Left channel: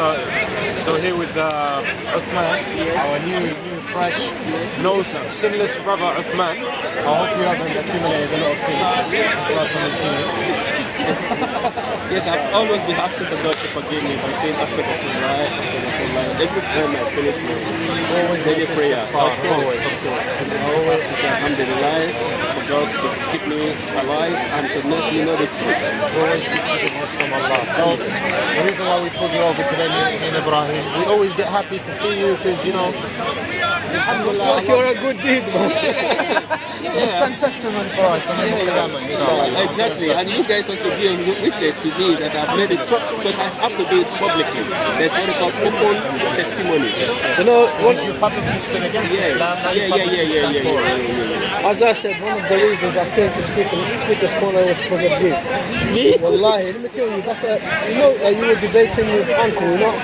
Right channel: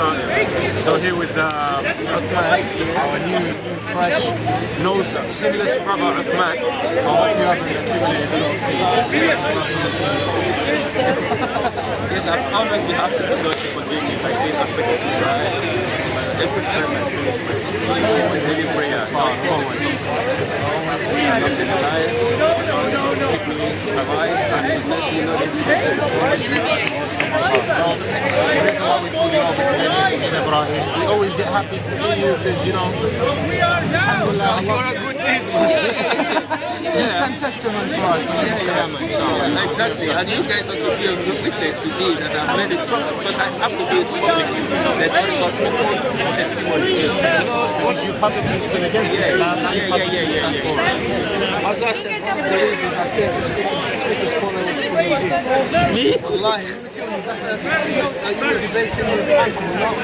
started. So here with Uthman, our new fresh, no sinless brother Uthman. I hope you haven't accumulated a lot of sin. It's not something serious. Yes, I've always been asking the God to forgive me by saying astaghfirullah. Every time I finish my daily prayer, always to say alhamdulillah for God to keep me alive and to make me know the truth. Always seek forgiveness from Allah. So the reason why we pulled you over today in Ibrahim, we always get happy to see you because, you know, alhamdulillah, You're a good deed, man. You stand testament for us. Exactly, and you guys also be a witness to me that I've made it because I have to do it publicly. There's what we call open testimony. You know, once you publicly stood against Islam, now you publicly stand for it. As I said, one of the reasons I came to Speaker's Corner was because of you. Me? Wallahi, let me tell you, that's you know, you were debating with Uncle, not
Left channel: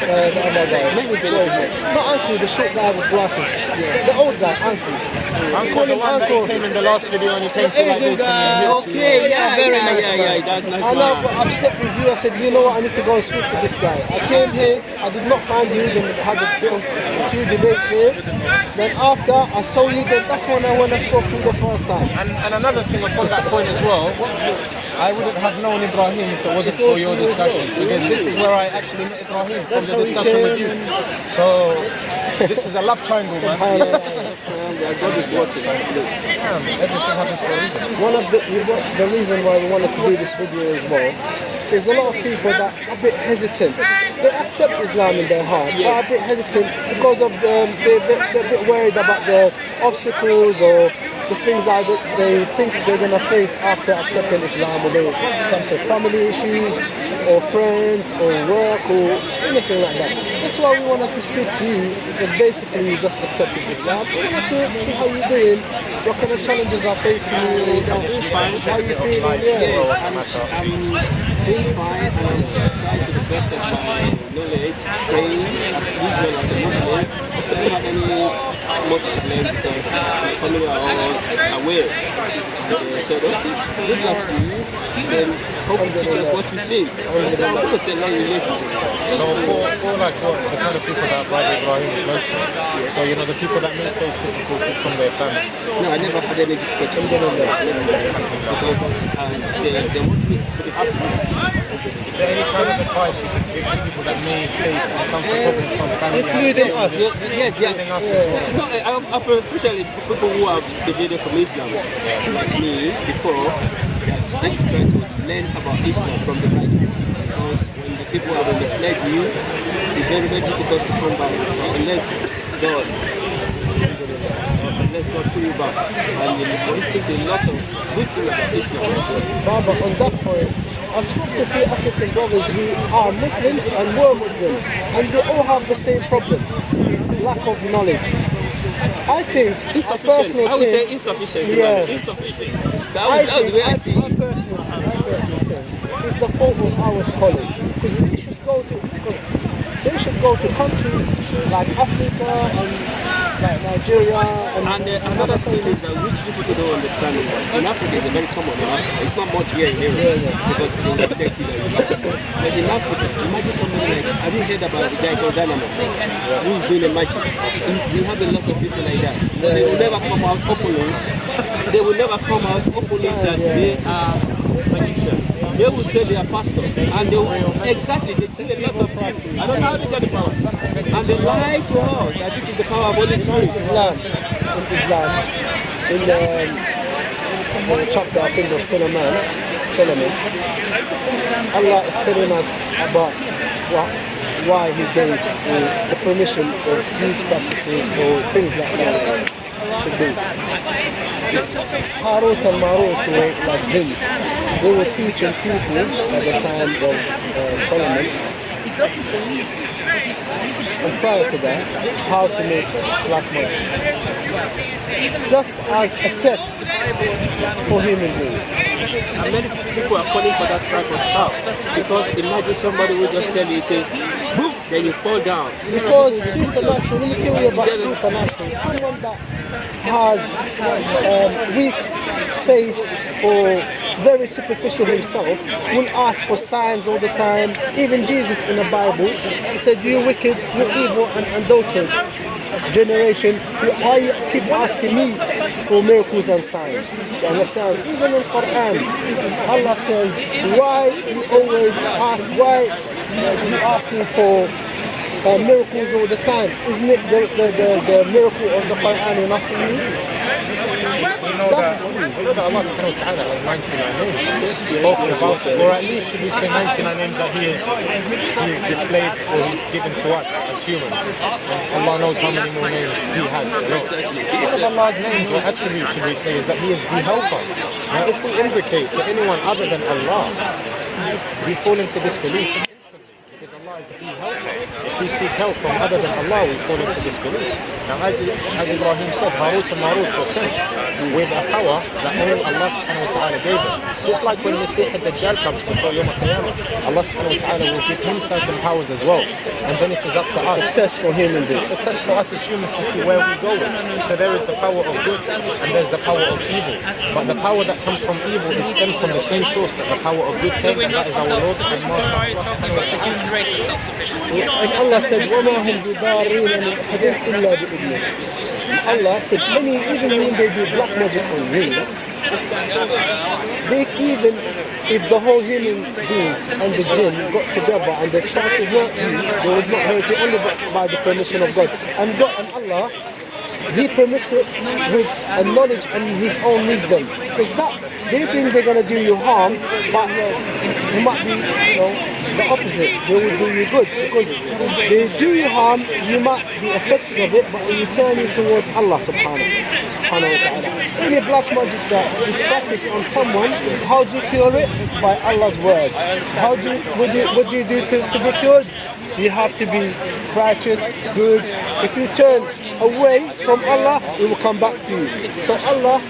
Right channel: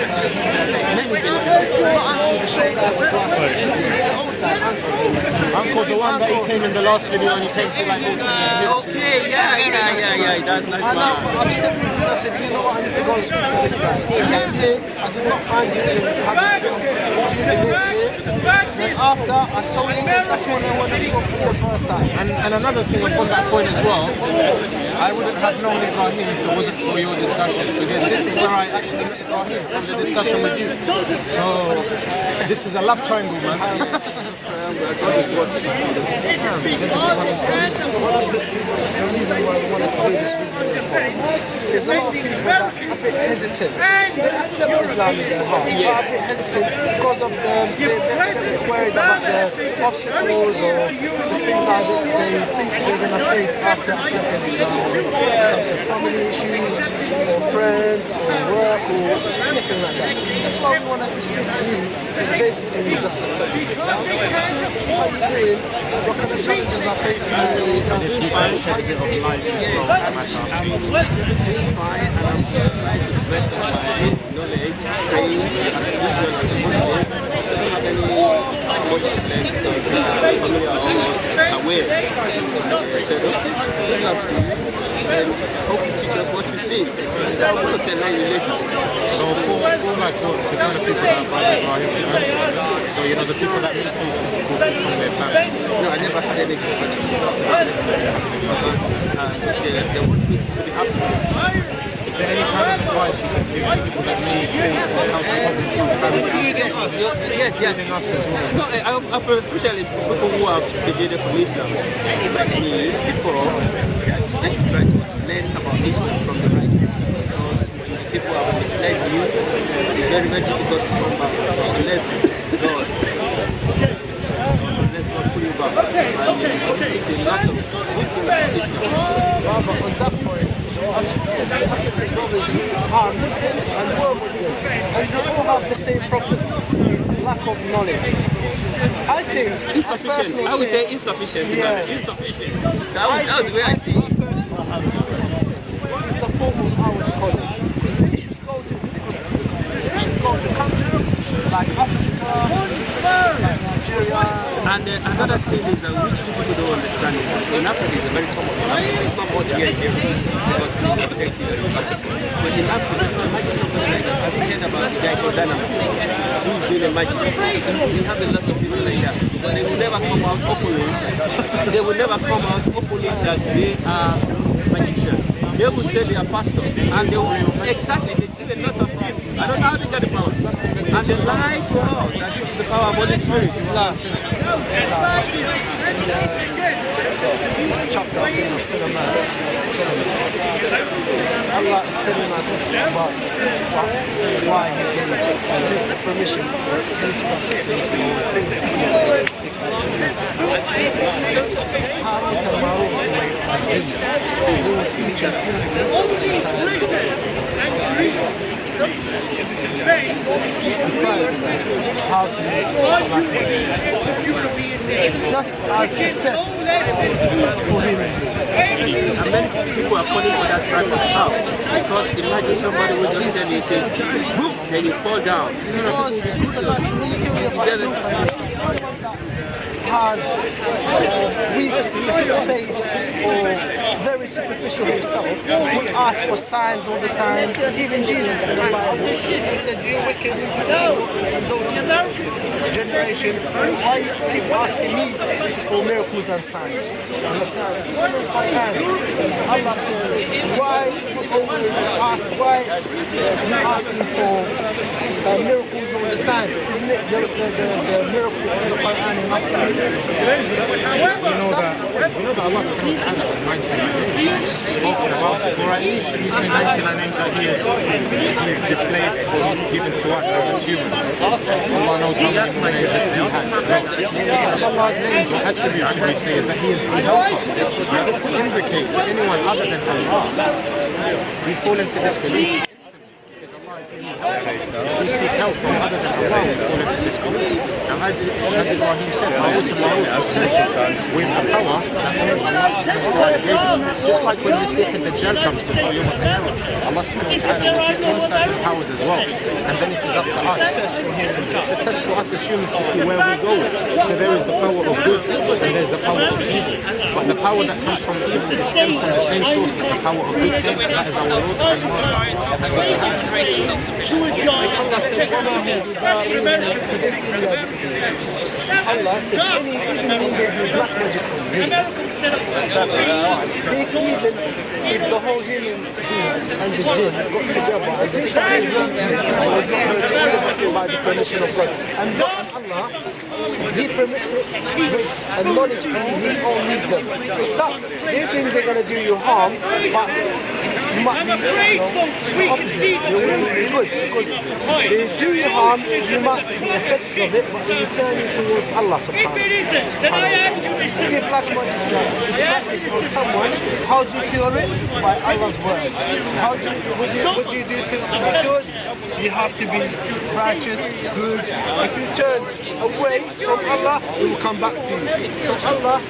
Many not Uncle, the short guy with glasses. The old guy, Uncle. Uncle, the one that he came in the last video and he came to like this and he Okay, yeah. That's nice. I know, but I'm upset with you. I said, you know what, I need to go and speak to this guy. I came here, I did not find you, then had a few debates here. Then after, I saw you, then that's when I spoke to you the first time. And another thing upon that point as well, I wouldn't have known Ibrahim if it wasn't for your discussion, because this is where I actually met Ibrahim, from the discussion with you. So this is a love triangle, man. Everything happens for a reason. One of the reason why we wanted to do this video as well is a lot of people that are a bit hesitant. They accept Islam in their heart, but are a bit hesitant because of they're a bit worried about the obstacles or the things that they think they're going to face after accepting Islam, whether it comes to family issues or friends or work or anything like that. That's why we wanted to speak to you, because basically you just accepted Islam. To see how you're doing, what kind of challenges are facing you, And if you can shed a bit of light as well on the matter. I'm doing fine and I'm trying to the best of my knowledge, praying as usual as a Muslim. I don't have any much challenge because my family are all aware. And they said, okay, good luck to you. Then hope you teach us what you sing. And I'm going to tell you later. So for like the kind of people that Brother Ibrahim was mentioning, so you know the people that may face difficulties from their family. No, I never had any difficulties. Because they want me to be happy. Is there any kind of advice you could give to people that may face encounter problems from family? Including us. Yes, including us as well. No, especially people who have deviated from Islam, like me before, that they should try to learn about Islam from the right people. Because when the people have misled you, it's very, very difficult to come back unless God put you back. And you listen to a lot of good things about Islam. but on that point, I speak to few African brothers who are Muslims and were Muslims, and they all have the same problem, is lack of knowledge. I think insufficient. I would say insufficient. Insufficient. That was the way I see it. It's the fault of our scholars, because they should go to countries like Africa, like Nigeria. And another thing is that which people don't understand is that in Africa it's very common in Africa. It's not much here in Europe because they protect you. But in Africa, imagine somebody like, have you heard about the guy called Dynamo who is doing a magic? We have a lot of people like that. They will never come out openly. They will never come out openly that they are magicians. They will say they are pastors, and they will exactly. They do a lot of things. I don't know how they get the power, and they lie to us that this is the power of Holy Spirit. Islam. In the chapter, I think of Solomon, Allah is telling us about why He gave the permission for these practices or things like that to do. Harut and Marut were like jinns. They were teaching people at the time of Solomon, and prior to that, how to make black money. Just as a test for human beings. And many people are falling for that type of power. Because imagine somebody will just tell you, say, boom, then you fall down. Because supernatural, let me tell you about supernatural. Someone that has weak faith or very superficial himself will ask for signs all the time. Even Jesus in the Bible, he said, "You wicked, you evil and adulterous generation, why you keep asking me for miracles and signs?" You understand? Even in Quran, Allah says, "Why you always ask? Why you asking for miracles all the time? Isn't it the miracle of the Quran enough for you?" You know that Allah subhanahu wa ta'ala has 99 names spoken about it, or at least should we say 99 names that He is displayed or He's given to us as humans. And Allah knows how many more names He has. One of Allah's names or attributes, should we say, is that He is the helper. Now if we invocate to anyone other than Allah, we fall into disbelief. Allah is the helper. If we seek help from other than Allah, we fall into disbelief. Now, as Ibrahim said, Harut and Marut were sent with a power that only Allah subhanahu wa ta'ala gave them. Just like when Masih al-Dajjal comes before Yawm al-Qiyamah, Allah subhanahu wa ta'ala will give him certain powers as well. And then it is up to us. Test for him, it's a test for us as humans to see where we go with. So there is the power of good and there's the power of evil. But the power that comes from evil is stemmed from the same source that the power of good came, and that is our Lord and Master Allah subhanahu wa ta'ala. Allah said, وَمَا هُمْ بِضَارِّينَ مِنْ أَحَدٍ إِلَّا بِإِذْنِهِ. Allah said, even when they do black magic on you, even if the whole human beings and the jinn got together and they tried to hurt you, they would not hurt you only by the permission of God. And Allah, He permits it with a knowledge and His own wisdom. Because they think they're going to do you harm, but it might be, the opposite. They will do you good. Because they do you harm, you might be affected of it, but it will turn you towards Allah subhanahu wa ta'ala. Any black magic that is practiced on someone, how do you cure it? By Allah's word. What do you do to be cured? You have to be righteous, good. If you turn away from Allah, it will come back to you. So Allah,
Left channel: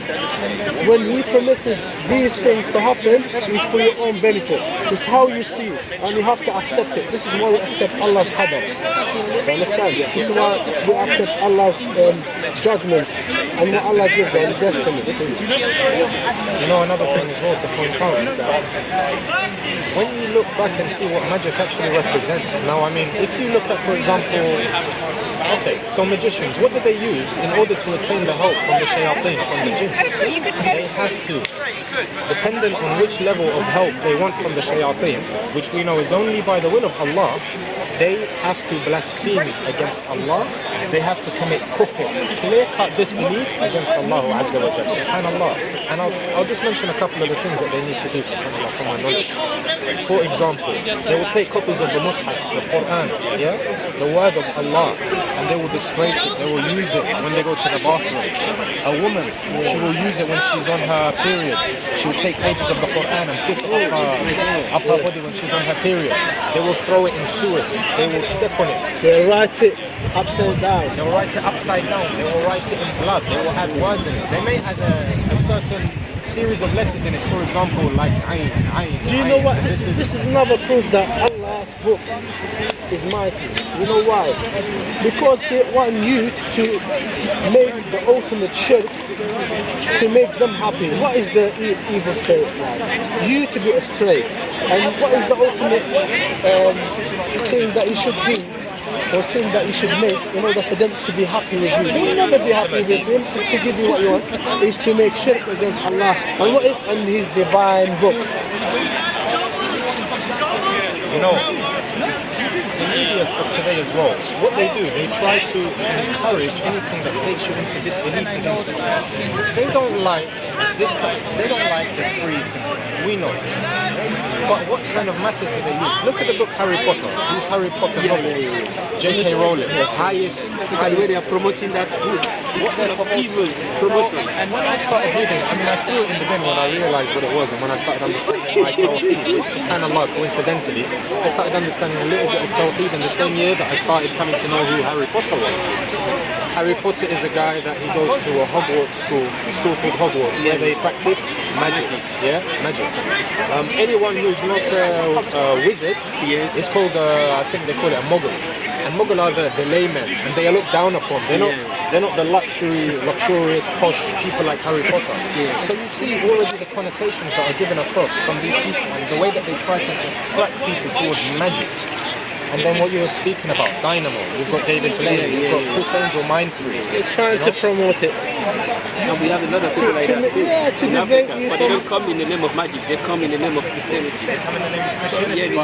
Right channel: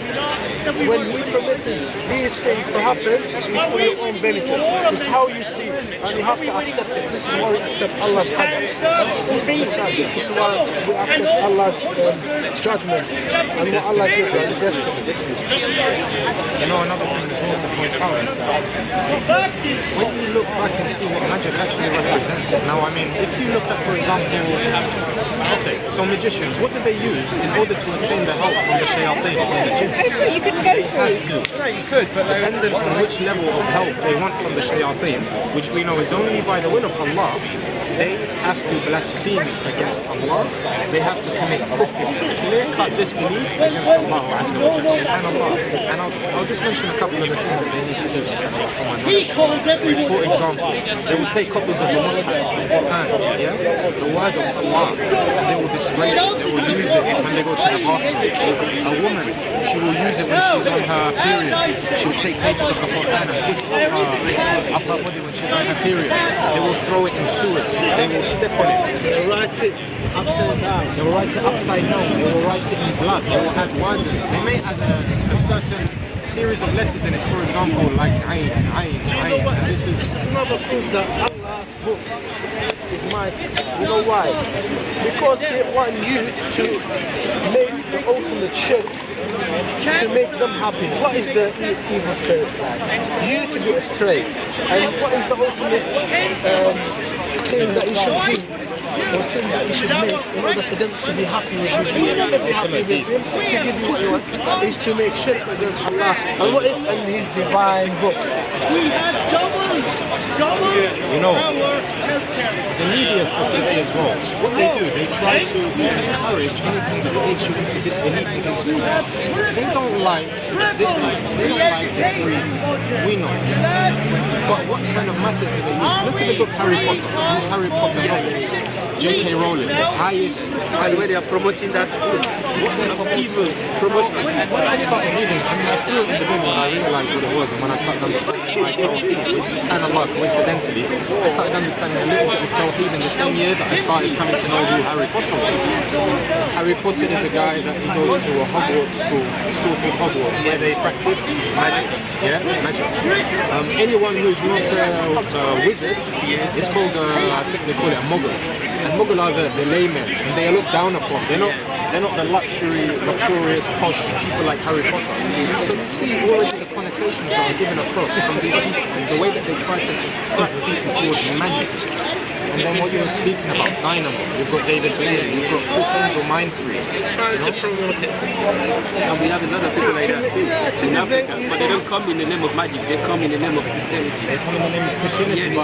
when He permits these things to happen, it's for your own benefit. It's how you see it, and you have to accept it. This is why we accept Allah's qadar. Understand? This is why we accept Allah's judgments and what Allah gives us, destiny. You know, another thing as well to point out is that when you look back and see what magic actually represents. Now, I mean, if you look at, for example, so magicians, what do they use in order to attain the help from the shayateen, from the jinn? They have to, dependent on which level of help they want from the shayateen, which we know is only by the will of Allah, they have to blaspheme against Allah. They have to commit kufr, clear-cut disbelief against Allah Azza wa Jalla, subhanallah. And I'll just mention a couple of the things that they need to do, subhanallah, from my knowledge. For example, they will take copies of the Mus'haf, the Quran, the word of Allah, and they will disgrace it. They will use it when they go to the bathroom. A woman, she will use it when she's on her period. She will take pages of the Quran and put it up her body when she's on her period. They will throw it in sewers. They will step on it. They write it upside down. They will write it upside down. They will write it in blood. They will add words in it. They may add a certain series of letters in it. For example, like Ayn. Do you know what? This is another proof that Allah's book is mighty. You know why? Because they want you to make the ultimate shirk, to make them happy. What is the evil spirits like? You to be astray. And what is the ultimate thing that you should do, or sin that you should make in order for them to be happy with you? You will never be happy with Him to give you what you want. Is to make shirk against Allah. And what is in His divine book? You know, the media of today as well, what they do, they try to encourage anything that takes you into disbelief against Allah. They don't like this kind of, they don't like the free thing. We know this. But what kind of matters do they use? Look at the book Harry Potter. These Harry Potter novels. J.K. Rowling, the highest way they are promoting that book. What kind of evil promotion? When I started reading, I mean, I threw it in the bin when I realized what it was, and when I started understanding my Tawheed, which subhanAllah, coincidentally, I started understanding a little bit of Tawheed in the same year that I started coming to know who Harry Potter was. Harry Potter is a guy that he goes to a Hogwarts school called Hogwarts, where they practice magic. Magic. Anyone who's not a wizard is called, I think they call it a Muggle. And Mughal are the laymen, and they are looked down upon. They're not They're not the luxurious, posh people like Harry Potter. So you see already the connotations that are given across from these people and the way that they try to attract people towards magic. And then what you were speaking about, Dynamo, you've got David Blaine, you've got Chris Angel, Mindfree. Trying to promote it. And we have a lot of people like that too in Africa, but they don't come in the name of magic, they come in the name of Christianity. They come in the name of Christianity.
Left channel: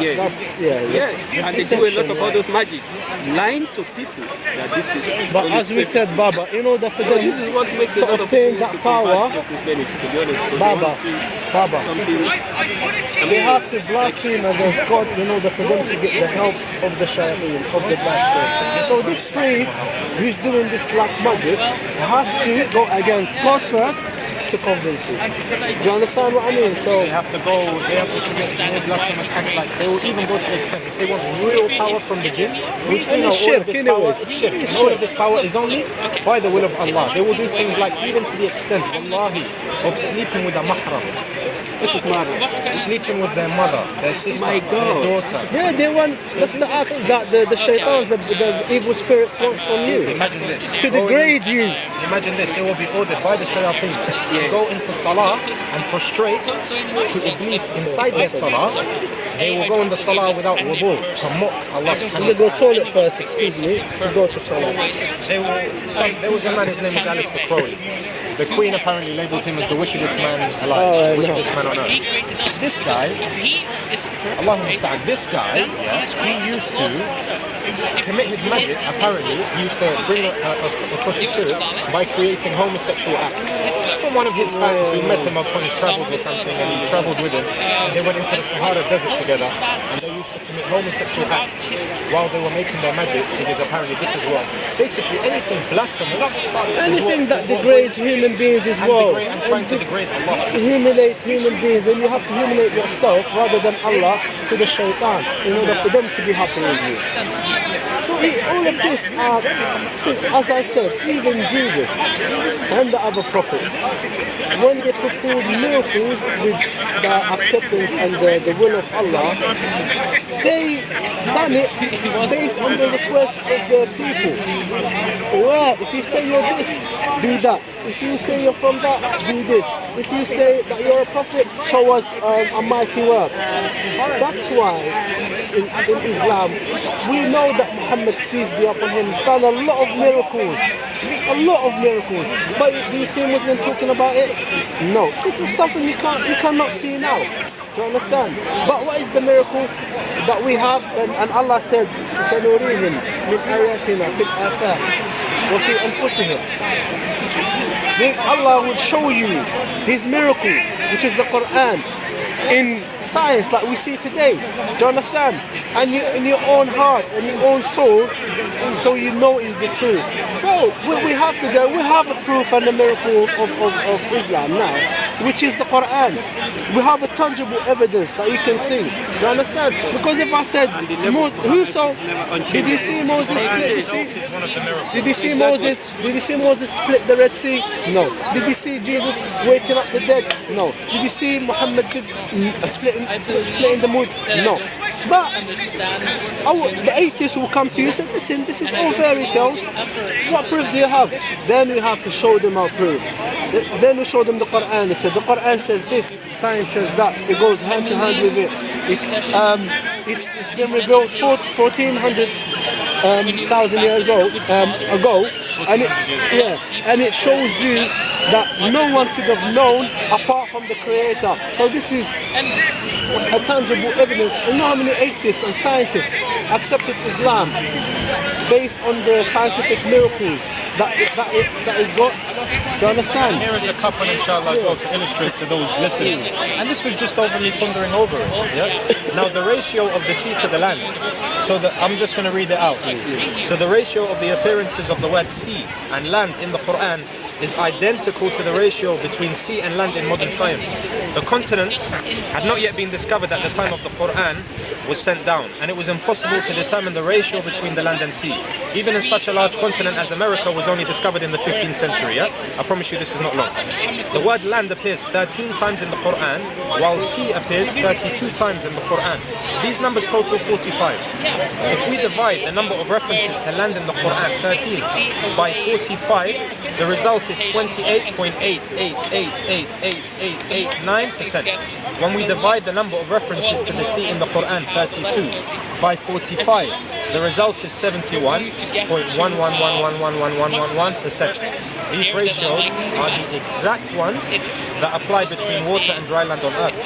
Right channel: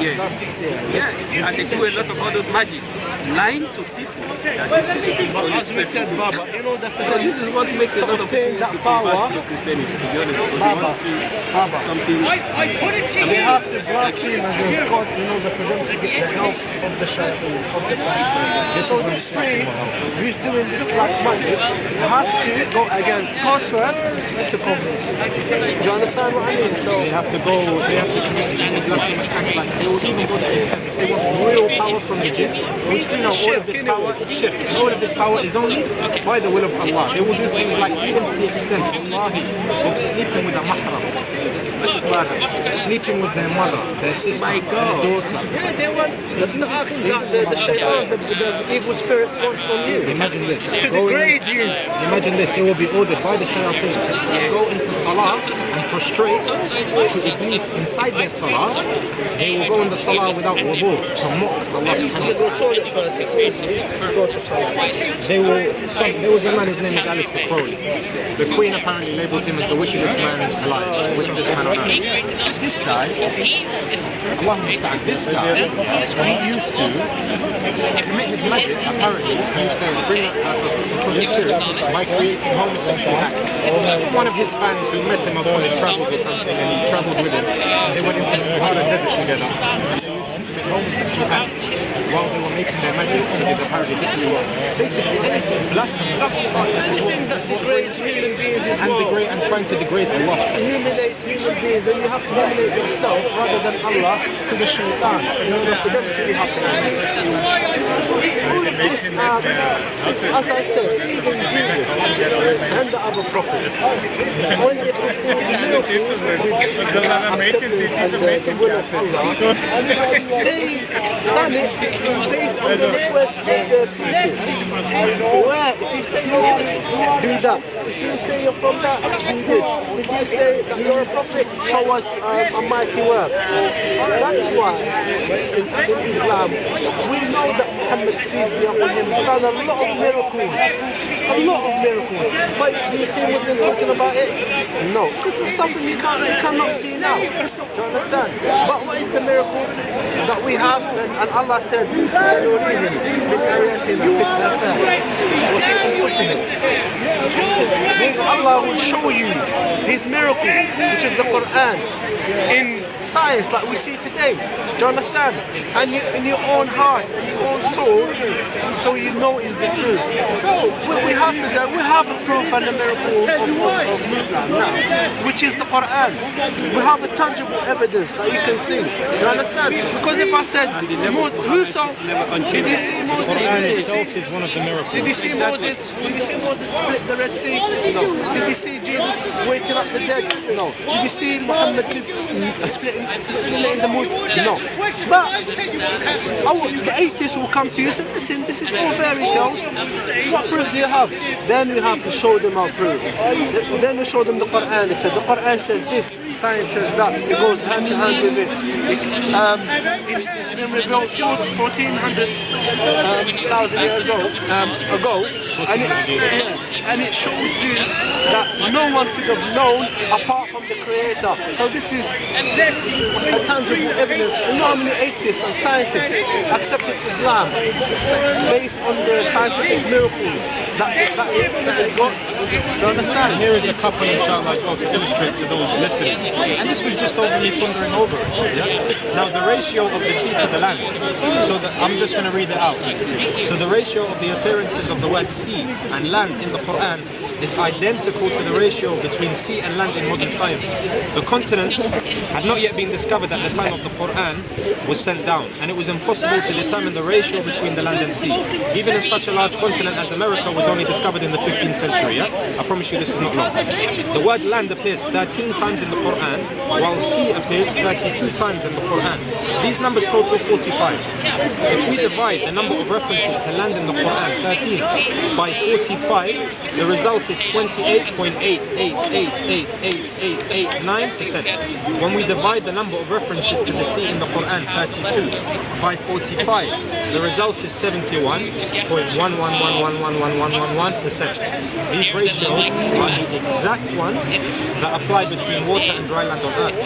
Yes. And they do a lot of all those magic, lying to people that this is. But as we said, Baba, in order for them, this is what makes a lot of people that to power, convert to Christianity, to be honest. They Baba, want to see Baba, something. they have to blaspheme against God in order for them to get the help of the shayateen, of the bad spirits. So this priest who's doing this black magic has to go against God first to convince you. Do you understand what I mean? So they have to commit more blasphemous acts like they will even go to the extent if they want real power from the jinn, which we know all of this power is shirk, and all of this power is only by the will of Allah. They will do things like even to the extent, Wallahi, of sleeping with a mahram. What is mahram? Sleeping with their mother, their sister, their daughter. yeah, they want that's the acts that the shaitans, the evil spirits want from you. Imagine this. To degrade you. Imagine this. They will be ordered by the shayateen to go into salah and prostrate to Iblis inside their salah. They will go in the salah without wudu to mock Allah subhanahu They wa go ta'ala. toilet first, excuse me, to go to salah. There was a man, his name was Alistair Crowley. The Queen apparently labelled him as the wickedest man alive, wickedest man on earth. This guy, Allah understand, this guy, he used to commit his magic, apparently, he used to bring across his spirit by creating homosexual acts. From one of his fans who met him up on his travels or something, and he travelled with him, and they went into the Sahara Desert together, and they used to commit homosexual acts while they were making their magic, because apparently this is what, basically anything blasphemous Anything that degrades human beings is wrong. and trying to degrade Allah. Humiliate human beings, and you have to humiliate yourself rather than Allah to the shaitan in order for them to be happy with you. So all of this, as I said, even Jesus and the other prophets, when they performed miracles with the acceptance and the will of Allah, they done it based on the request of the people. Where if you say you're this, do that. If you say you're from that, do this. If you say that you're a prophet, show us a mighty work. That's why in Islam, we know that Muhammad, peace be upon him, has done a lot of miracles. A lot of miracles. But do you see Muslims talking about it? No. Because it's something you cannot see now. Do you understand? But what is the miracle that we have? And Allah said, سَنُرِيهِمْ مِنْ آيَاتِنَا فِي الْآفَاقِ وَفِي أَنفُسِهِمْ. Then Allah will show you His miracle, which is the Quran, in science like we see today. Do you understand? And in your own heart and your own soul, so you know is the truth. So what we have today, we have a proof and a miracle of Islam now, which is the Quran. We have a tangible evidence that you can see. Do you understand? Because if I said, did you see Moses? Is one of the miracles. Did you see Moses? Did you see Moses split the Red Sea? No. Did you see Jesus waking up the dead? No. Did you see Muhammad splitting the moon? No. But the atheists will come to you and say, listen, this is all fairy tales. What proof do you have? Then we have to show them our proof. Then we show them the Quran. It said the Quran says this, science says that. It goes hand to hand with it. It's been revealed 1,400 thousand years ago, and it shows you that no one could have known apart from the Creator. So this is a tangible evidence. And you know how many atheists and scientists accepted Islam based on the scientific miracles that is God? Do you understand? Here is a couple, inshallah, as well, to illustrate to those listening. And this was just over me pondering over it. Yeah? Now, the ratio of the sea to the land. So I'm just going to read it out. So the ratio of the appearances of the word sea and land in the Quran is identical to the ratio between sea and land in modern science. The continents had not yet been discovered at the time of the Quran was sent down, and it was impossible to determine the ratio between the land and sea. Even in such a large continent as America was only discovered in the 15th century. I promise you this is not long. The word land appears 13 times in the Quran, while sea appears 32 times in the Quran. These numbers total 45. If we divide the number of references to land in the Quran, 13, by 45, the result is 28.88888889%. When we divide the number of references to the sea in the Quran, 32, by 45, the result is 71.11111111%. These ratios are the exact ones that apply between water and dry land on earth.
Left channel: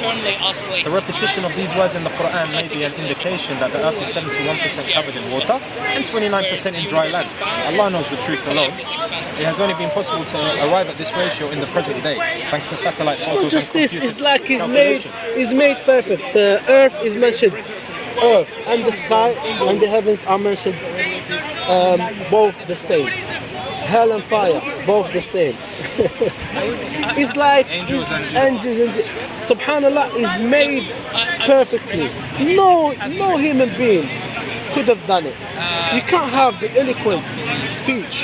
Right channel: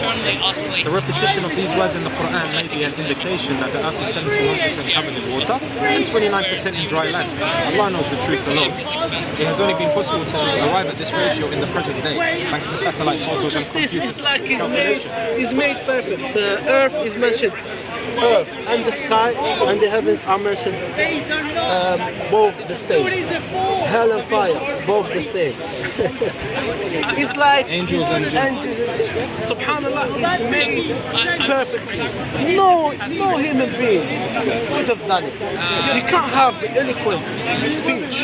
The repetition of these words in the Quran may be an indication that the earth is 71% covered in water and 29% in dry land. Allah knows the truth alone. It has only been possible to arrive at this ratio in the present day, thanks to satellite photos and computer It's like calculation. it's made perfect. The earth is mentioned, earth and the sky and the heavens are mentioned both the same. Hell and fire, both the same. It's like Angels and Subhanallah is made perfectly. No human being could have done it. You can't have the eloquent speech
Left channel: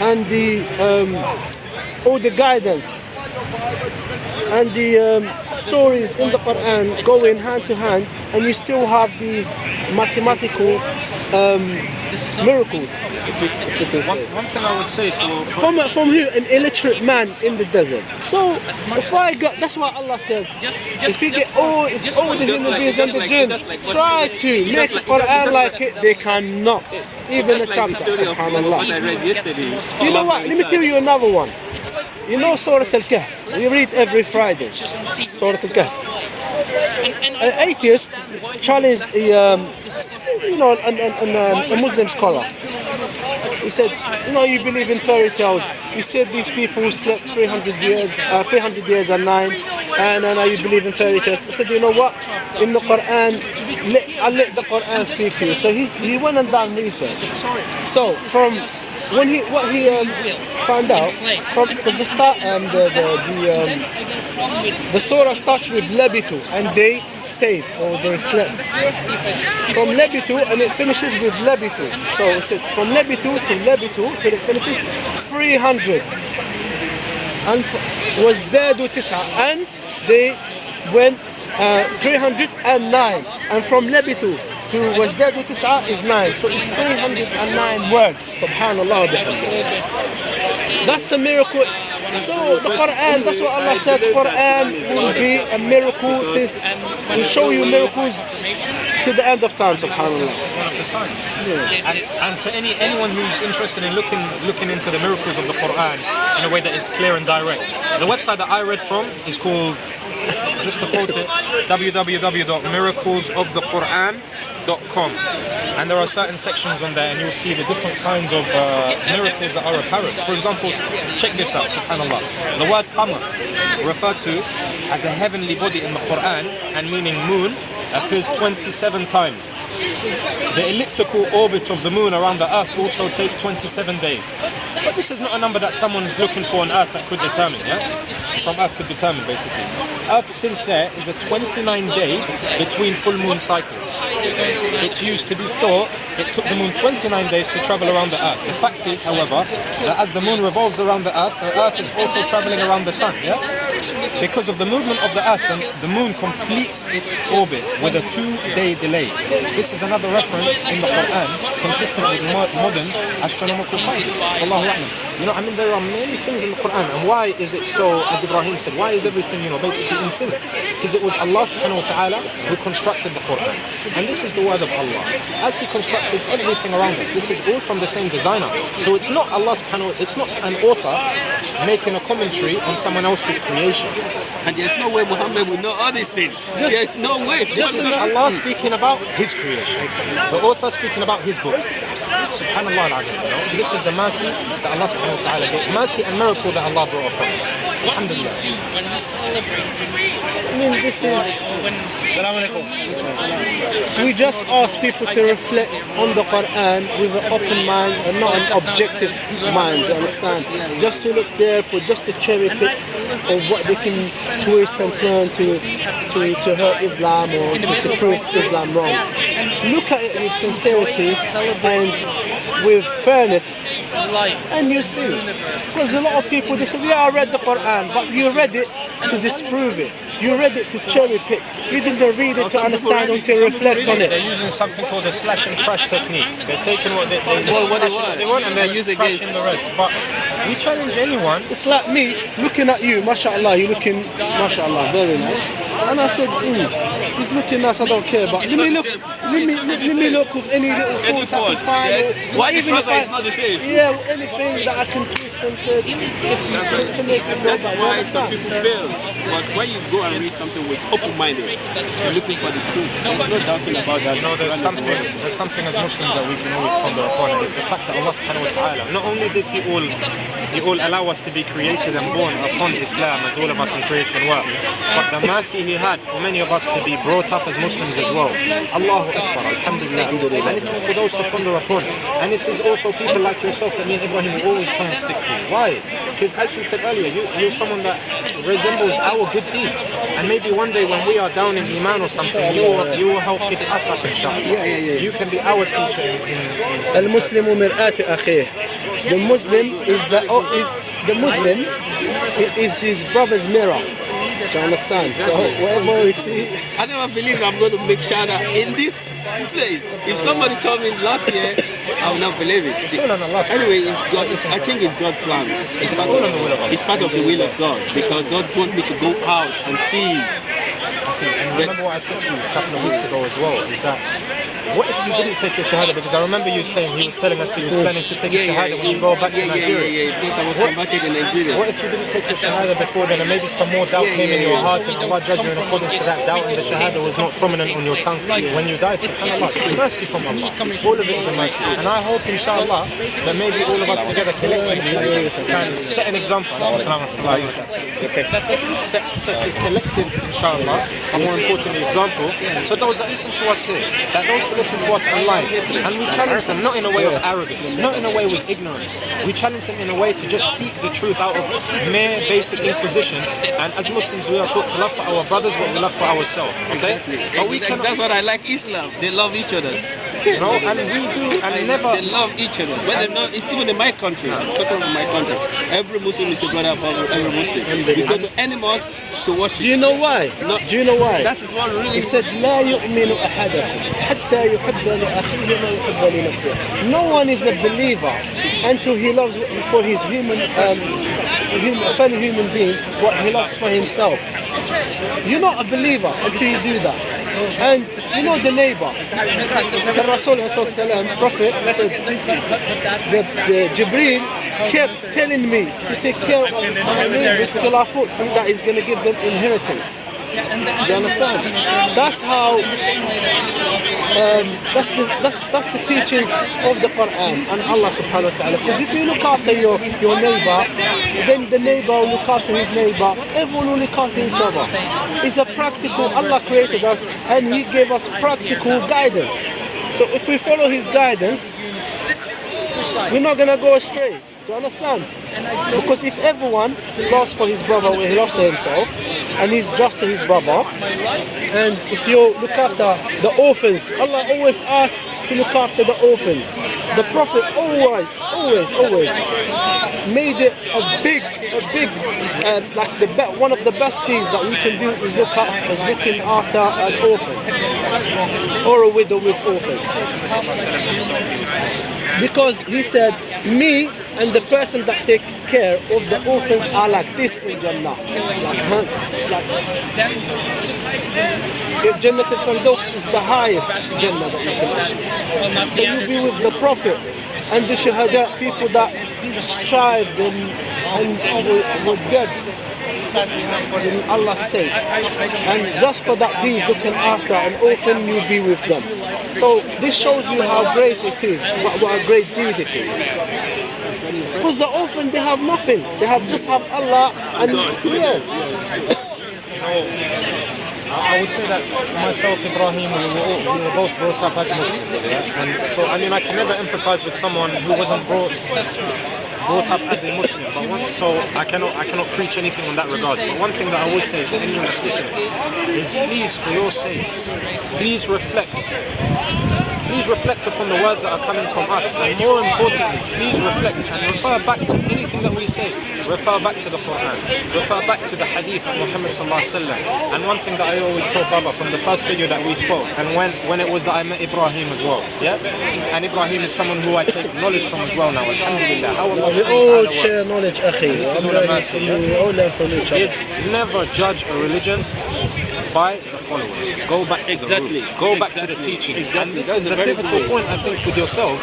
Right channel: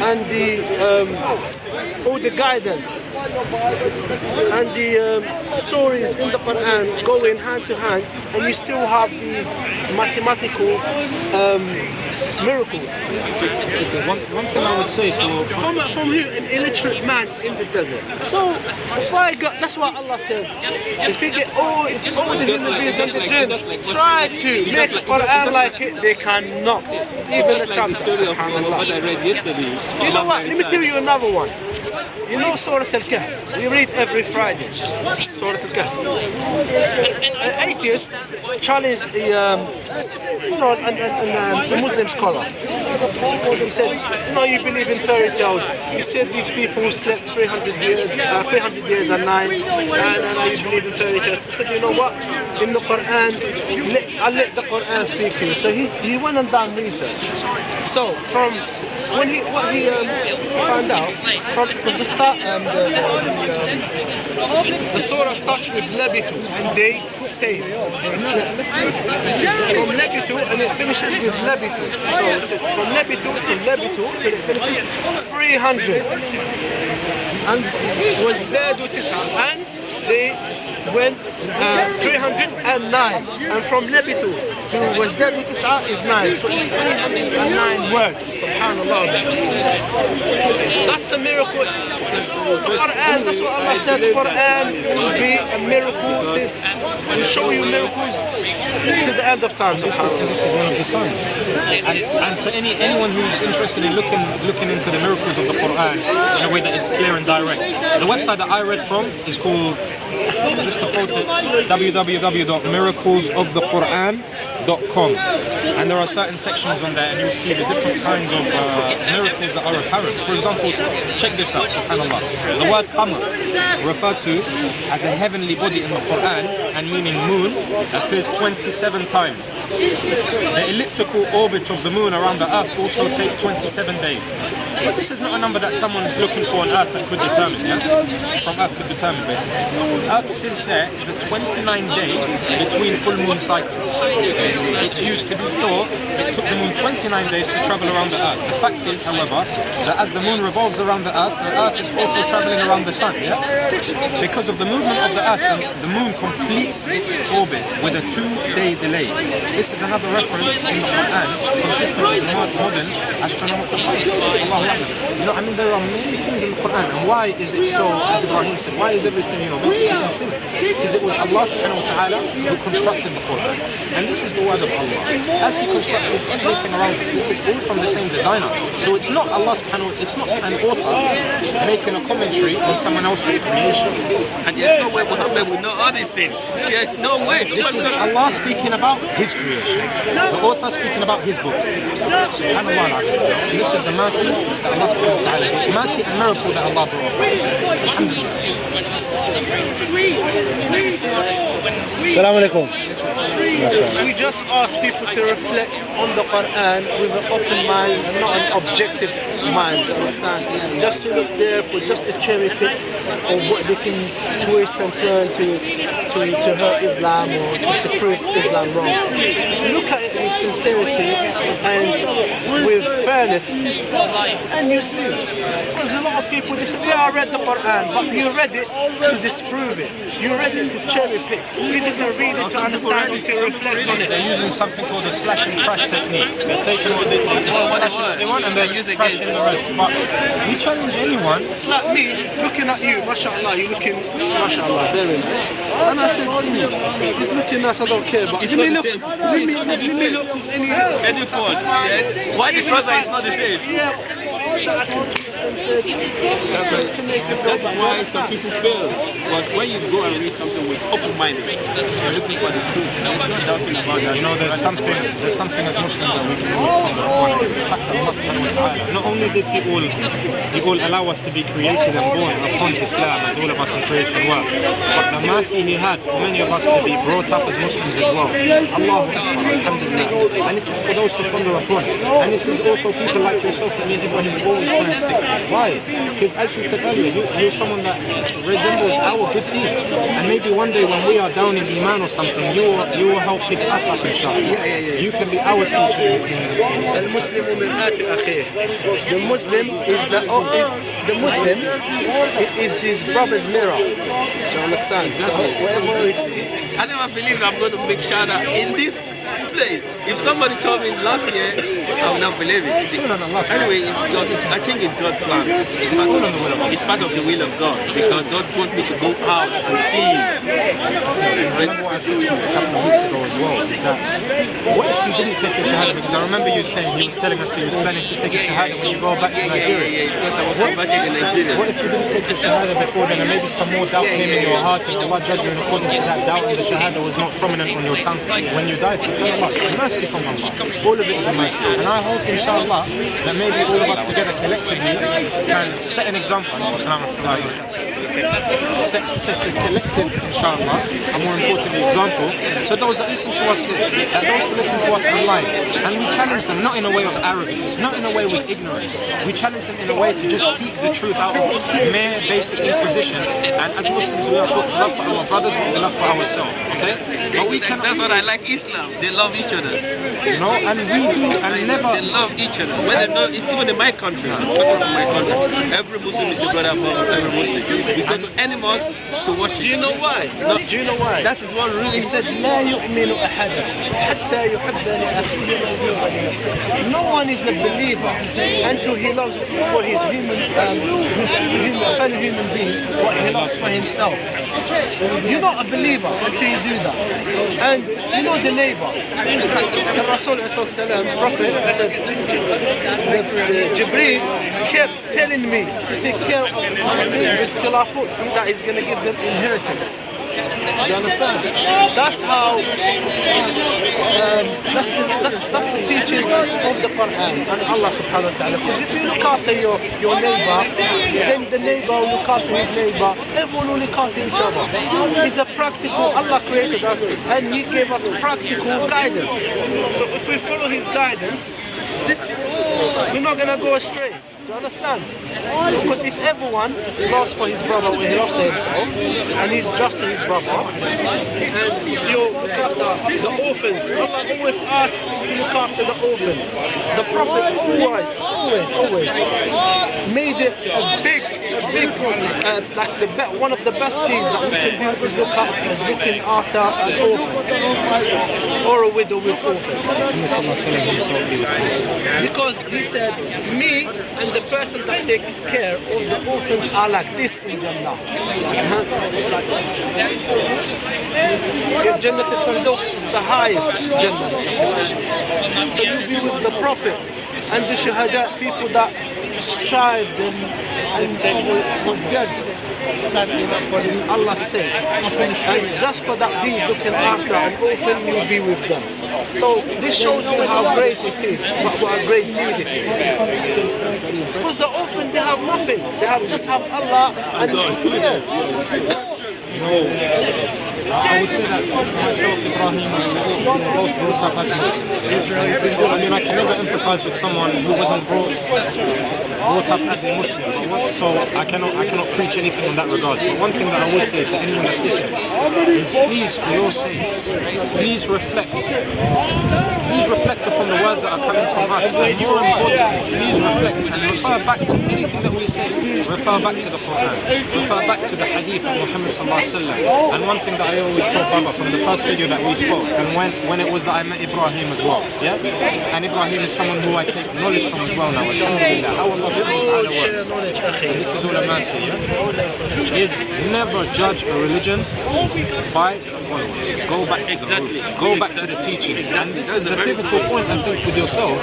and the all the guidance and the stories in the Quran going hand to hand, and you still have these mathematical miracles. One thing I would say From here, an illiterate man in the desert. So if I got, that's what Allah says. If you get all the human beings and the jinn try to make the Quran like it, they cannot. Even the Just like the story of what I read yesterday. You know what? Let me tell you another one. You know Surah Al-Kahf? We read every Friday. Surah Al-Kahf. An atheist challenged a Muslim scholar. He said, you believe in fairy tales. You said these people slept 300 years and nine, and now you believe in fairy tales. He said, you know what? In the Quran, I'll let the Quran speak to you. So he went and done research. So from what he found out, because the surah starts with Labitu, and they stayed or they slept. From Labitu, and it finishes with Labitu. So it's from Labitu to Labitu till it finishes 300. And was there do tis'a, and they went 309. And from Labitu to was there do tis'a is 9. So it's 309 words. Subhanallah. That's a miracle. So the Quran, that's what Allah said, the Quran will be a miracle, will show you miracles to the end of time. Subhanallah. This is one of the signs. And to anyone who's interested in looking into the miracles of the Quran in a way that is clear and direct, the website that I read from is called, just to quote it, www.miraclesofthequran.com. And there are certain sections on there, and you'll see the different kinds of miracles that are apparent. For example, check this out, subhanAllah. The word qamar, referred to as a heavenly body in the Quran and meaning moon, appears 27 times. The elliptical orbit of the moon around the earth also takes 27 days. But this is not a number that someone's looking for on earth that could determine, From earth could determine, basically. Earth, since there is a 29-day between full moon cycles. It used to be thought it took the moon 29 days to travel around the earth. The fact is, however, that as the moon revolves around the earth is also traveling around the sun, Because of the movement of the earth, the moon completes its orbit with a 2-day delay. This is another reference in the Quran consistent with modern astronomical findings. Allahu A'lam. There are many things in the Quran, and why is it so, as Ibrahim said, why is everything, basically in sync? Because it was Allah subhanahu wa ta'ala who constructed the Quran. And this is the word of Allah. As He constructed everything around us, this is all from the same designer. So it's not Allah subhanahu wa ta'ala, it's not an author making a commentary on someone else's creation. And there's no way Muhammad would know all these things. There's no way. This is Allah speaking about His creation. The author speaking about His book. SubhanAllah. And this is the mercy that Allah subhanahu wa ta'ala gave. Mercy and miracle that Allah brought upon us. Alhamdulillah. Assalamu alaikum. We just ask people to reflect on the Quran with an open mind and not an objective mind, you understand? Just to look there for just a cherry pick of what they can twist and turn to hurt Islam or to prove Islam wrong. Look at it with sincerity and with fairness, and you see. Because a lot of people, they say, yeah, I read the Quran, but you read it to disprove it. You read it to cherry pick. You didn't read it to understand or to reflect on it. They're using something called the slash and trash technique. They're taking what they want and they're trashing the rest. But we challenge anyone. It's like me looking at you, mashallah, you're looking, mashallah, very nice. And I said, he's looking nice, I don't care, but let me look with any fault. Yeah. Why you trust that it's not the same? Yeah, anything that I can twist and say to make it That's why some people fail. But when you go and read something with open-minded, you're looking for the truth. There's no doubting about that. You know, there's something as Muslims that we can always ponder upon, and it's the fact that Allah subhanahu wa ta'ala, not only did He all allow us to be created and born upon Islam as all of us in creation were, but the mercy He had for many of us to be brought up as Muslims as well. Allahu Akbar, Alhamdulillah. And it is for those to ponder upon. And it is also people like yourself that me and Ibrahim always try and stick to. Why? Because as he said earlier, you're someone that resembles our good deeds. And maybe one day when we are down in Iman or something, you will help pick us up, inshallah. You can be our teacher in المسلم مرآة أخيه. The Muslim is his brother's mirror. Do you understand? Exactly. So whatever we see, I never believe I'm going to make shahada in this place. If somebody told me last year, I would not believe it. Anyway, I think it's God's plan. It's part of the will of God, because God wants me to go out and see. Remember what I said to you a couple of weeks ago as well, is that what if you didn't take your shahada? Because I remember you saying, he was telling us that he was planning to take your shahada when you go back to Nigeria. Because I was converted in Nigeria. What if you didn't take your shahada before then, and maybe some more doubt came in your heart, and Allah judged you in accordance to that doubt, and the shahada was not prominent on your tongue when you died? SubhanAllah, mercy from Allah. All of it is a mercy. And I hope, inshallah, that maybe all of us together collectively can set an example. Set a collective, inshallah, a more importantly example, so those that listen to us here, that those to listen to us online, and we challenge them not in a way of arrogance, not in a way with ignorance. We challenge them in a way to just seek the truth out of mere basic inquisition. And as Muslims, we are taught to love for our brothers what we love for ourselves. Okay? But we can. That's what I like Islam. They love each other. You know, and we do, and never. They love each other. When they know, even in my country, I'm talking about my country, every Muslim is a brother of every Muslim. We go to any mosque to worship. Do you know why? No, do you know why? That is what really. He said, لا يؤمن أحدكم حتى يحب لأخيه ما يحب لنفسه. No one is a believer until he loves for his fellow human being what he loves for himself. You're not a believer until you do that. And you know the neighbor. The Rasul Prophet said, the Jibreel kept telling me to take care of my neighbor's khilafut, that is going to give them inheritance. You understand? That's how. That's the teachings of the Quran and Allah subhanahu wa ta'ala. Because if you look after your neighbor, then the neighbor will look after his neighbor. Everyone will look after each other. It's a practical. Allah created us and He gave us practical guidance. So if we follow His guidance, we're not gonna go astray. Do you understand? Because if everyone loves for his brother where he loves for himself, and he's just to his brother, and if you look after the orphans, Allah always asks to look after the orphans. The Prophet always made it a big, like one of the best things that we can do is looking after an orphan or a widow with orphans. Because he said, me and the person that takes care of the orphans are like this in Jannah. Jannah al-Firdaus is the highest Jannah that you can achieve. So you'll be with the Prophet and the Shahada, people that strived and were dead in Allah's sake. And just for that deed, looking after an orphan, you'll be with them. So this shows you how great it is, what a great deed it is. Because the orphan, they have nothing. They just have Allah and You know, I would say that myself, Ibrahim, we were both brought up as Muslims, yeah? And so, I mean, I can never empathize with someone who wasn't brought up as a Muslim. But so I cannot preach anything on that regard. But one thing that I would say to anyone that's listening is, please, for your sakes, please reflect. Please reflect upon the words that are coming from us, and more importantly, please reflect and refer back to anything that we say. Refer back to the Quran, refer back to the Hadith of Muhammad sallallahu alaihi wasallam. And one thing that I always told Baba from the first video that we spoke, and when it was that I met Ibrahim as well, yeah. And Ibrahim is someone who I take knowledge from as well now. Alhamdulillah, how Allah subhanahu wa ta'ala works. And this is all a mercy, yeah. Is never judge a religion by the followers. Go back to the roots. Go back to the teachings. And this is the pivotal point, I think, with yourself,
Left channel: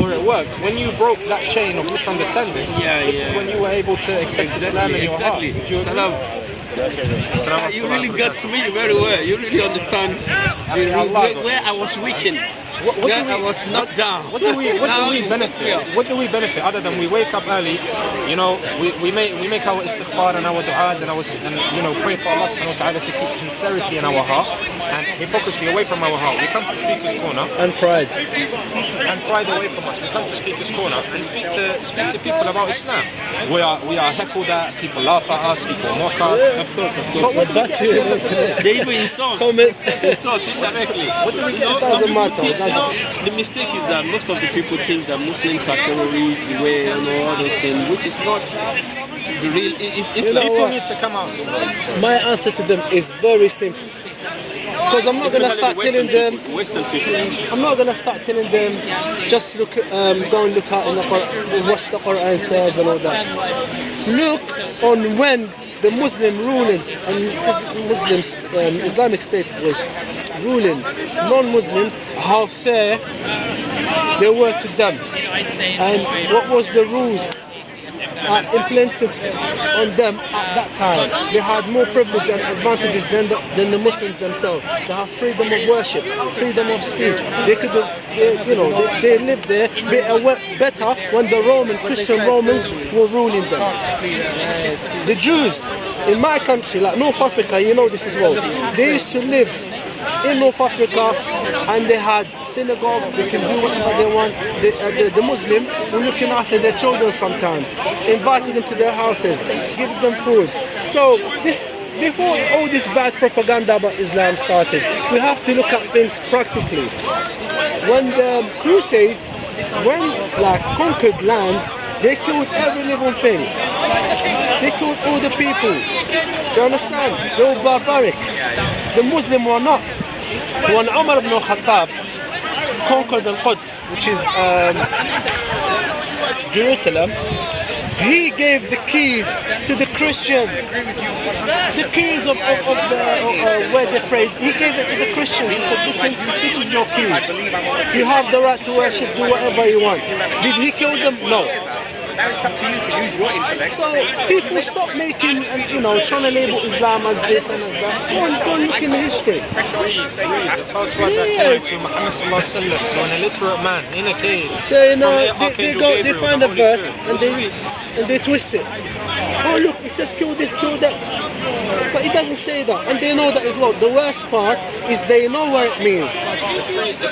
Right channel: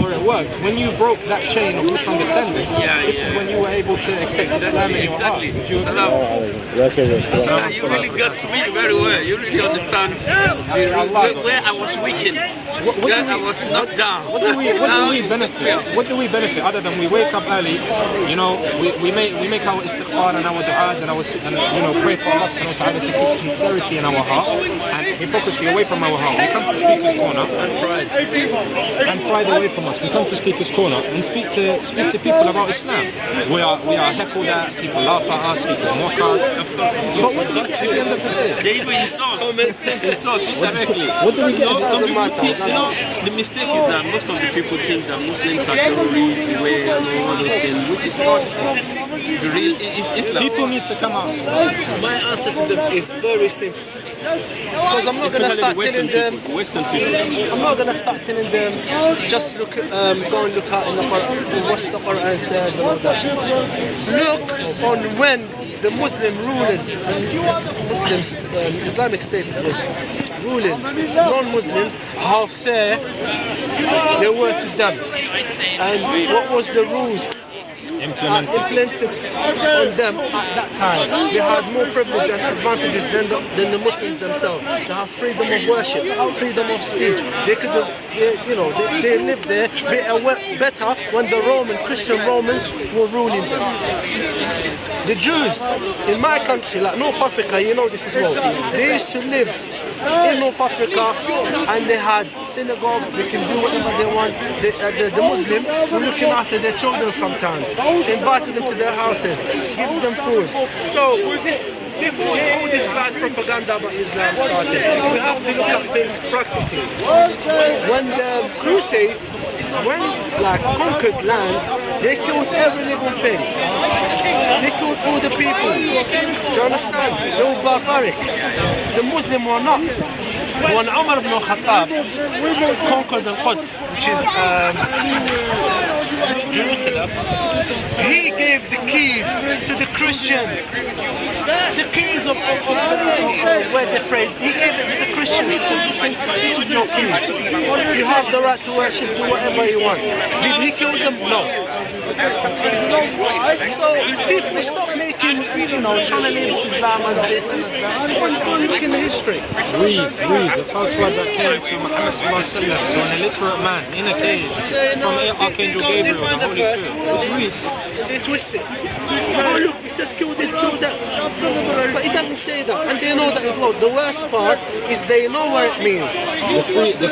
where it worked. When you broke that chain of misunderstanding, this is when you were able to accept Islam in your heart. Would you agree? You really got me very well. You really understand where I was weakened. I was knocked down. What do we benefit? What do we benefit other than we wake up early? You know, we make our istighfar and our du'as and pray for Allah subhanahu wa ta'ala to keep sincerity in our heart and hypocrisy away from our heart. We come to Speaker's Corner and pride away from us. We come to Speaker's Corner and speak to people about Islam. We are heckled at, people laugh at us, people mock us. Of course. But what do we get at the end of the day? They even insult indirectly. What do we get? Some people the mistake is that most of the people think that Muslims are terrorists, the way all those things, which is not the real. Islam. People need to come out. My answer to them is very simple. Because I'm not going to start telling them. Western people. I'm not going to start telling them just go and look at what the Quran says and all that. Look on when the Muslim rulers and Muslims, Islamic State was ruling non-Muslims, how fair they were to them, and what was the rules implemented on them at that time. They had more privilege and advantages than the Muslims themselves. They have freedom of worship, freedom of speech. They could have, they lived there better when the Christian Romans were ruling them. The Jews in my country, like North Africa, you know this as well, they used to live in North Africa and they had synagogues, they can do whatever they want. The Muslims were looking after their children sometimes, invited them to their houses, giving them food. So before all this bad propaganda about Islam started, we have to look at things practically. When the Crusades conquered lands, they killed every living thing. They killed all the people. Do you understand? They were barbaric. The Muslims were not. When Umar ibn Khattab conquered Al-Quds, which is Jerusalem, he gave the keys to the Christian. The keys of where they prayed, he gave it to the Christians. He said, listen, this is your keys. You have the right to worship, do whatever you want. Did he kill them? No. So people stop making trying to label Islam as this and as that. Go and look in the history. Read. The first word that came to Muhammad sallallahu alaihi wasallam, so an illiterate man in a cave from Archangel Gabriel, the Holy Spirit. And they twist it. Oh look, it says kill this, kill that. But it doesn't say that, and they know that as well. The worst part is they know what it means.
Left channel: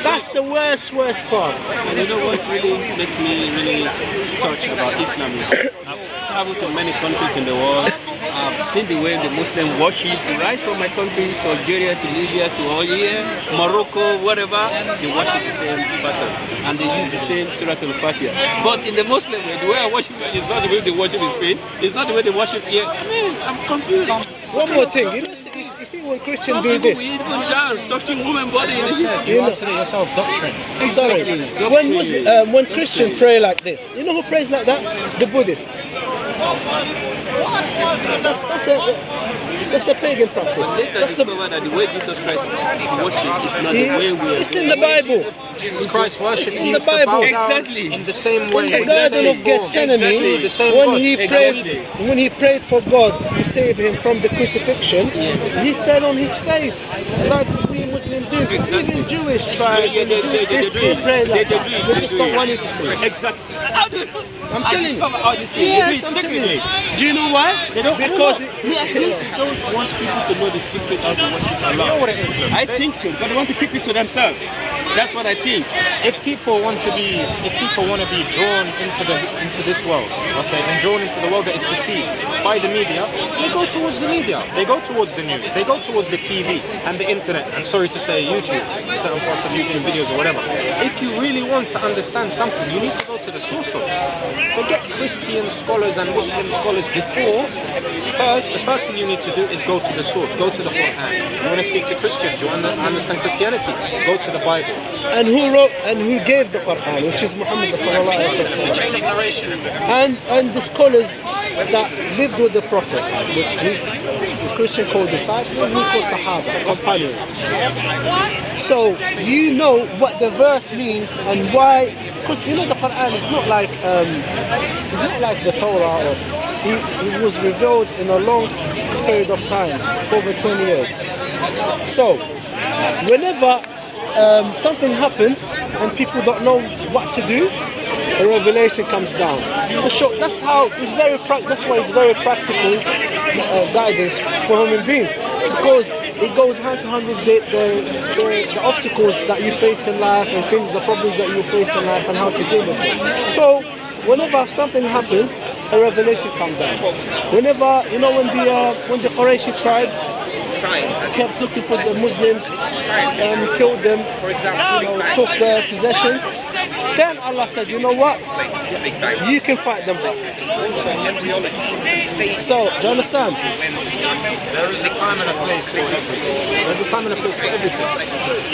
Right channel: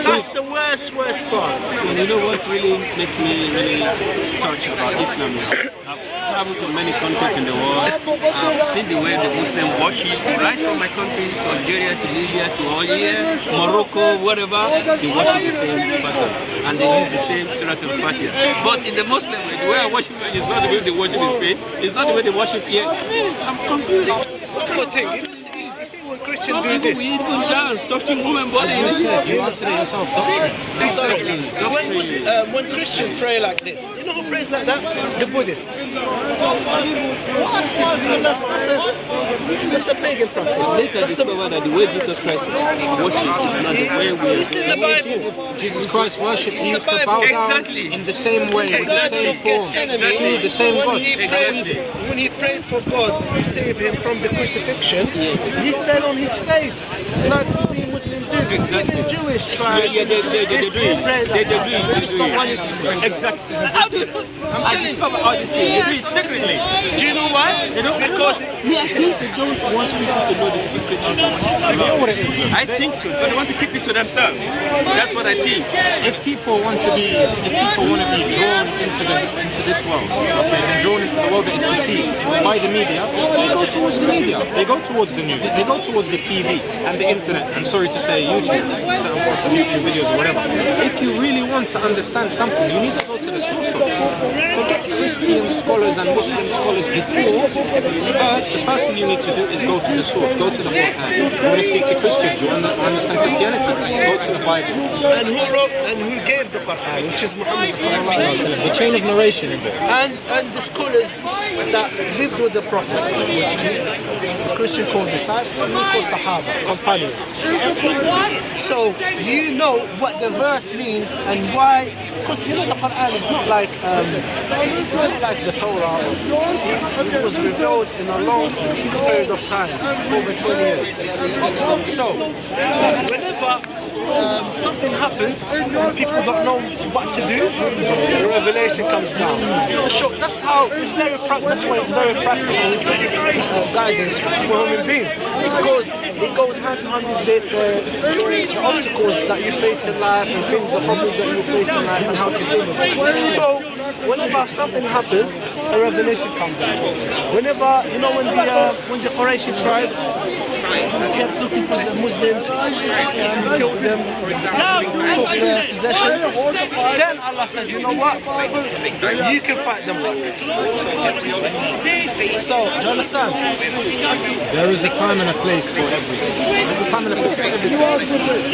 That's the worst part. And you know what really makes me really touch about Islam is I've traveled to many countries in the world. I've seen the way the Muslims worship, right from my country to Algeria, to Libya, to all here, Morocco, whatever. They worship the same pattern, and they use the same Surah Al-Fatiha. But in the Muslim way, the way I worship is not the way they worship in Spain. It's not the way they worship here. I mean, I'm confused. One more thing, you see when Christians do this. We even dance, touching women body. You answered it yourself, doctrine. Exactly. When Christians pray like this, you know who prays like that? The Buddhists. That's a pagan practice. Later discovered that the way Jesus Christ worship is not the way we are. It's in the Bible. Jesus Christ worshipped, he used to bow down in the same way, with the same form, through the same God. When he prayed for God to save him from the crucifixion, he fell on his face like we Muslims Muslims do. Exactly. Even Jewish tribes. Yeah, they do it. pray like They that. do it. They just don't want it to see. Exactly. I telling you. discover all these things. Yeah, They do it so- secretly. Do you know why? They don't, Because me, I think they don't want people to know the secret of the worship Allah. You know what it is, though? I think so, but they want to keep it to themselves. That's what I think. If people want to be drawn into this world, okay, and drawn into the world that is perceived by the media, they go towards the media, they go towards the news, they go towards the TV and the internet, and sorry to say YouTube, certain parts of YouTube videos or whatever. If you really want to understand something, you need to go to the source of it. Forget Christian scholars and Muslim scholars before. The first thing you need to do is go to the source, go to the Quran. You want to speak to Christians, you want to understand Christianity, go to the Bible. and who wrote and who gave the Quran, which is Muhammad sallallahu alaihi wasallam. The chain of narration. And the scholars that lived with the Prophet, which the Christian called disciples, we call Sahaba, companions. So you know what the verse means and why, because you know the Quran is not like the Torah. It was revealed in a long period of time, over 20 years. So whenever something happens and people don't know what to do, the revelation comes down. That's how it's very. That's why it's very practical guidance for human beings, because it goes hand to hand with the obstacles that you face in life and the problems that you face in life and how to deal with it. So whenever something happens, a revelation comes down. Whenever when the Quraysh tribes kept looking for the Muslims, killed them, took their possessions, then Allah said, you know what? You can fight them back. So, do you understand? There is a time and a place for everything. There's a time and a place for everything.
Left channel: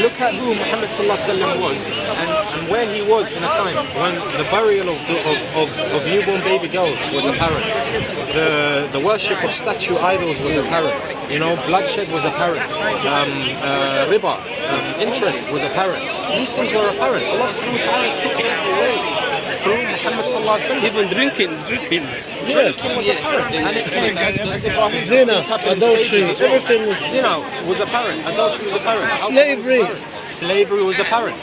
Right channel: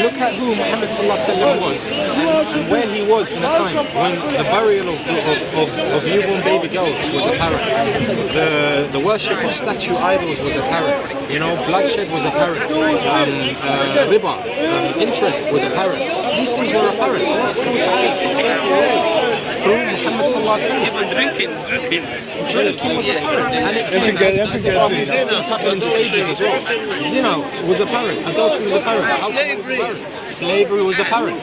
Look at who Muhammad was and where he was in a time when the burial of newborn baby girls was apparent. The worship of statue idols was apparent. Bloodshed was apparent. Riba, interest was apparent. These things were apparent. Allah subhanahu wa ta'ala took them away through Muhammad sallallahu alaihi wasallam. Even drinking Was apparent, and it came as Ibrahim said, things happen in stages as well. Zina was apparent, adultery was apparent, slavery was apparent.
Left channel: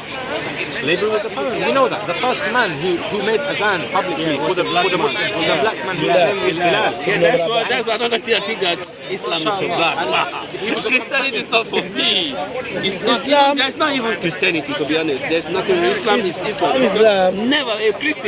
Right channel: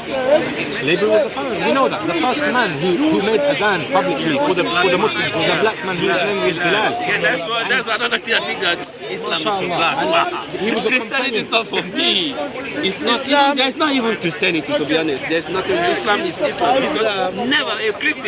Slavery was apparent. We know that. The first man who made adhan publicly for the Muslims was a black man whose name was Bilal. Yeah, that's another thing I think that Islam is for black. Christianity is not for me. There's not even Christianity, to be honest. There's nothing. Islam is Islam. Never a Christian.